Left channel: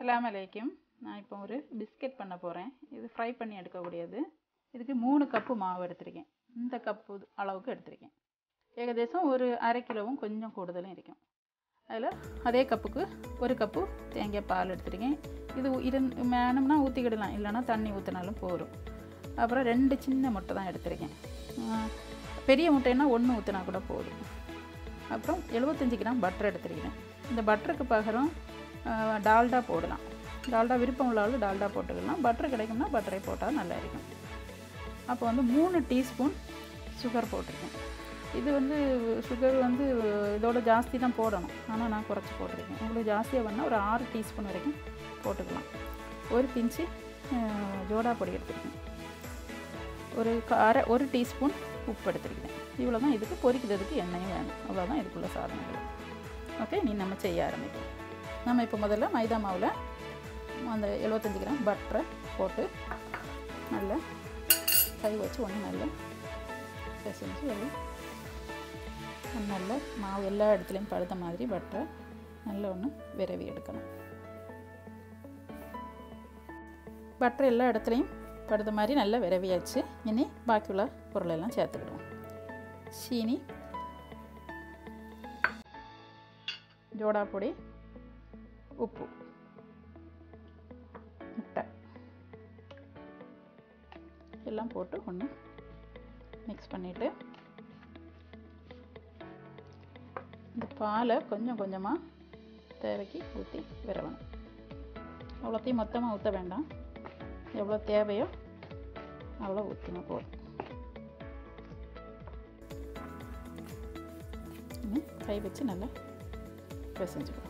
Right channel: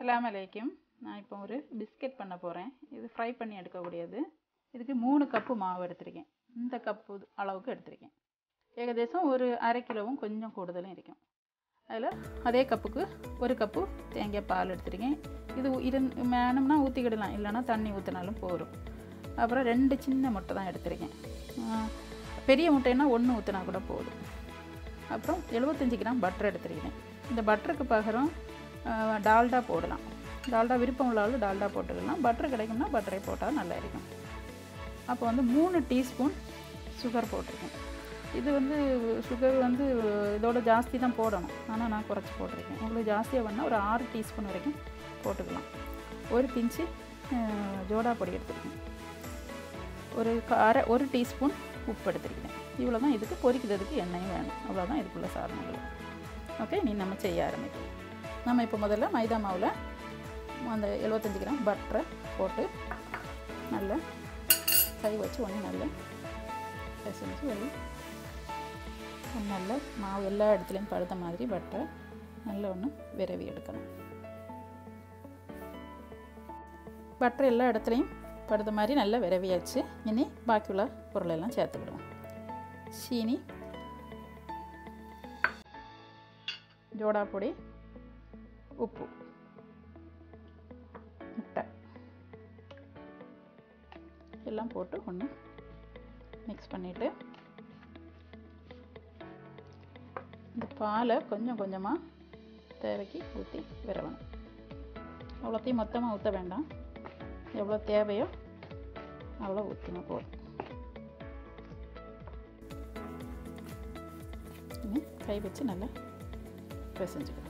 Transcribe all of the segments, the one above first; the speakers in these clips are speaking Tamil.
அஸ்ஸலாமு அலைக்கும். நான் இப்போ ஒரு பிஸ்கெட் பண்ண போகிறேன். இது ஃப்ரை பண்ணி எடுக்கக்கூடியது. இதுக்கு 3 கப்பு மாவு எடுத்திருக்கேன். இந்த கப்பு அளவுக்கு எடுத்திருக்கேன். ஏகദേശம் ஒரு அரை கிலோவும் கொஞ்சம் கூடுதலும் இருக்கும். அதில் அதே கப்புக்கு 1 கப்பு தேங்காய் பால் எடுத்திருக்கேன். இது வேணும்னா ஊற்றிக்கிடலாம், இல்லைன்னா தண்ணி ஊற்றினாலும் போகும். அப்புறம் 2 சின்ன முட்டை தான் எடுத்திருக்கேன். பெரிய முட்டைன்னா 1 ஊற்றினா கூட போதும். அப்புறம் 75 கிராம் பட்டர் எடுத்திருக்கேன். இந்த பட்டருக்கு பகரம் டால்டா போடலாம். டால்டா விருப்பம் உள்ளாலும் டால்டா போட்டுக்கலாம். பட்டர் கிடைக்கும்னா பட்டரை போட்டால் நல்லா இருக்கும். அப்போ 3 டீஸ்பூன் சுகர் போட்டிருக்கேன். இது சுகர் இதோட ஜாஸ்தி தான் போடணும், ஆனால் நான் குறைச்சி போட்டிருக்கேன். உங்களுக்கு ஜாஸ்தியாக வேணால் ஒரு 6 டீஸ்பூன் வரைக்கும் போட்டுக்கலாம். ஒரு பிஞ்சு ஜோடா பொடி எடுத்துருக்கேன். ஒரு டீஸ்பூன் உப்பு எடுத்துருக்கேன். இவ்வளோ தான். இதுக்கு பொரிக்கிறதுக்கு எண்ணெயும் வேணும். அவ்வளோதான் இதுக்குள்ள சாதனங்கள். ஓகே, நீ நம்ம செய்ய ஆரம்பிக்கலாம். நம்ம இப்போ முதல்ல மைதா மாவில் அந்த 75 கிராம் பட்டரை போட்டு நல்லா கை வச்சு நல்லா பிசைஞ்சு நல்ல மாவு எல்லா இடத்துலையும் படுத்த மாதிரி பட்டரை நல்லா விரவி எடுக்கணும். பட்டர் எல்லா இடத்துலையும் படுத்த மாதிரி நல்லா விரவியாச்சு. இனி பாக்கியுள்ள பொருளெல்லாம் சேர்த்துக்கிடுவோம். சீனி, ஜோடா பொடி, உப்பு, முட்டை எல்லாம் போட்டு ஒன்று மிக்ஸ் பண்ணிவிட்டு இந்த பாலை கொஞ்சம் கொஞ்சமாக தேவைக்கு ஊற்றி விரவணும். அவ்வளோத்தையும் மொத்தமாக ஊற்ற வேண்டாம். எவ்வளோ தேவையோ அவ்வளோ ஊற்றினா போதும். கை வச்சு நல்லா பிசைஞ்சுக்கலாம்.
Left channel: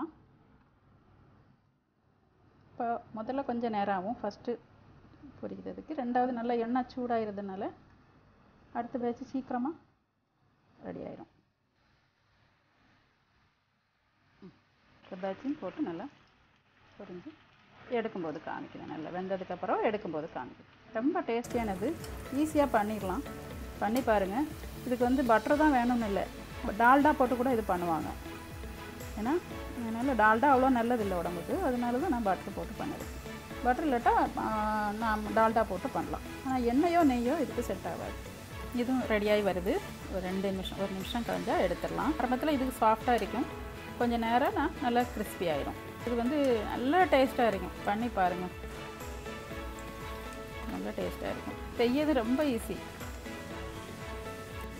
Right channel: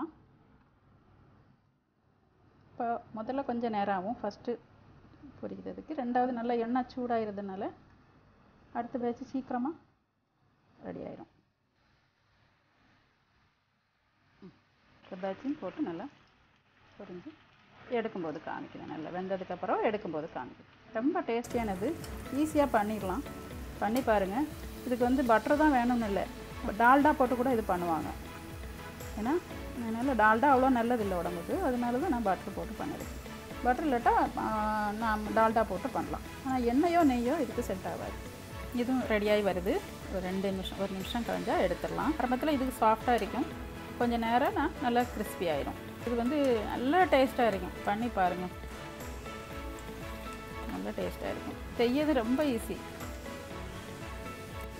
போட்டுடலாம். இப்போ முதல்ல கொஞ்சம் நேரம் ஆகும் ஃபஸ்ட்டு பொரிக்கிறதுக்கு. ரெண்டாவது நல்லா எண்ணெய் சூடாகிறதுனால அடுத்த பேட்ச் சீக்கிரமாக ரெடி ஆயிரும். பேட்சும் போட்டு நல்லா பொரிஞ்சு எடுக்கும்போது காமிக்கிறேன். நல்லா வெந்ததுக்கப்புறம் எடுக்கும்போது காமிக்கிறேன். ரொம்ப டேஸ்டியானது, ஈஸியாக பண்ணிடலாம். பண்ணி பாருங்கள். இதுக்கு வந்து பட்டர் தான் வேணும்னு இல்லை, டால்டா போட்டு கூட இது பண்ணுவாங்க. ஏன்னா அதனால் டால்டா அவ்வளோ நல்லதில்லை உடம்புக்கு, அதனால தான் நான் பட்டர் போட்டு பண்ணிடுறேன். பட்டர் இல்லாட்டா நான் டால்டா போட்டு பண்ணலாம். ஆனால் எண்ணெயோ நெய்யோ இதுக்கு செட் ஆகாது. இதுவும் ரெடியாகி வருது. ஒரு 1 நிமிஷம் கழிஞ்சால் எடுத்துடலாம். ஆரம்பத்தில் இதுக்கு சாஃப்டாக இருக்கும், கொஞ்சம் நேரம் நல்லா கிறிஸ்பி ஆயிரும். இது வந்து நல்லா டேஸ்ட்டாக இருக்கும். பண்ணி பாருங்கள், நல்லா டேஸ்ட்டாக இருக்கும். செய்யறது ரொம்ப ஈஸி.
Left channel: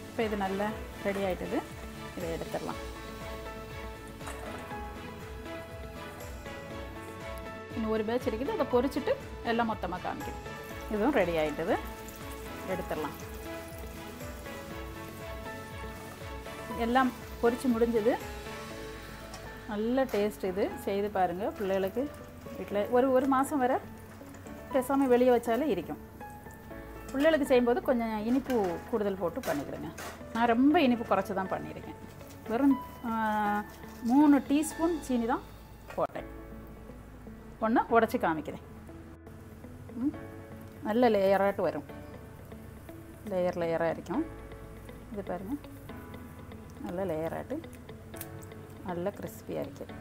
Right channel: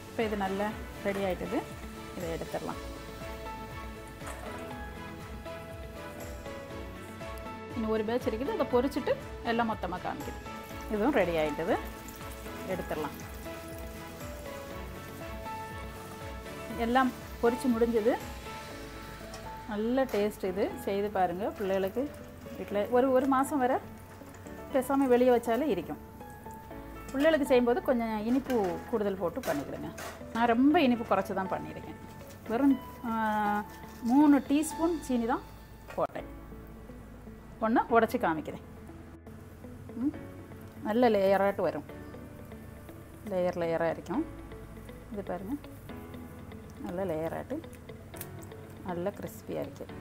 இப்போ இது நல்லா ரெடி ஆகிட்டது. இதை எடுத்துடலாம். இன்னும் ஒரு பேட்ச் இருக்குது, அதை பொரிச்சிட்டு எல்லாம் மொத்தமாக காமிக்குது. இதுவும் ரெடி ஆகிட்டது, எடுத்துடலாம். எல்லாம் பொரிச்சு முடிஞ்சது. நல்ல டேஸ்ட். இது செய்து பாருங்கள். பிள்ளைகளுக்கு வீட்டில் ஒரு மாதம் வரை பேசாமல் வெளியே வச்சாலே இருக்கும். பிள்ளைகளுக்கு செய்யும்போது கொஞ்சம் இனிப்பு கூடுதல் போட்டு பண்ணிக்கிறேங்க. நான் ரொம்ப இனிப்பு குறைச்சி தான் பண்ணியிருக்கேன். வெறும் 3 டீஸ்பூன் சீனி தான் போட்டேன். ஒன்று உடச்சி காமிக்கிறேன். நல்ல லேயராட்டு வரும், லேயராக இருக்கும். இது பாருங்கள், நல்ல லேயராட்டு நல்ல கிறிஸ்பியாக இருக்குது.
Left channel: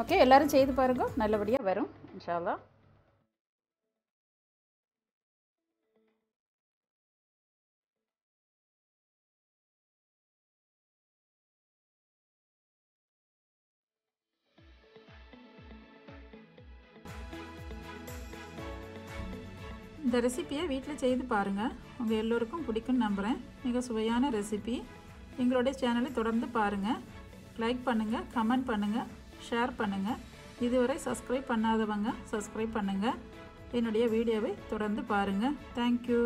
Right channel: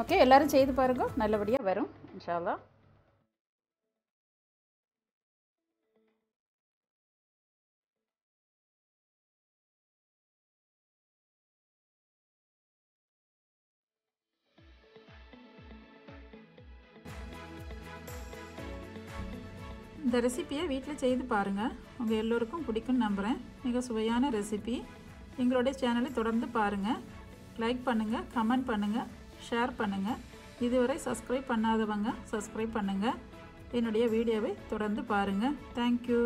ஓகே, எல்லோரும் செய்து பாருங்க, நல்லபடியாக வரும் இன்ஷா அல்லாஹ். இந்த ரெசிப்பியை வீட்டில் செய்து பாருங்கள், உங்கள் எல்லோருக்கும் பிடிக்கும்னு நம்புகிறேன். மிக சுவையான ரெசிபி. எங்களுடைய சேனலை தொடர்ந்து பாருங்கள், லைக் பண்ணுங்கள், கமெண்ட் பண்ணுங்கள், ஷேர் பண்ணுங்கள். இதுவரை சப்ஸ்கிரைப் பண்ணாதவங்க சப்ஸ்கிரைப் பண்ணுங்கள். என்னுடைய வீடியோவை தொடர்ந்து பாருங்கள். தேங்க்யூ.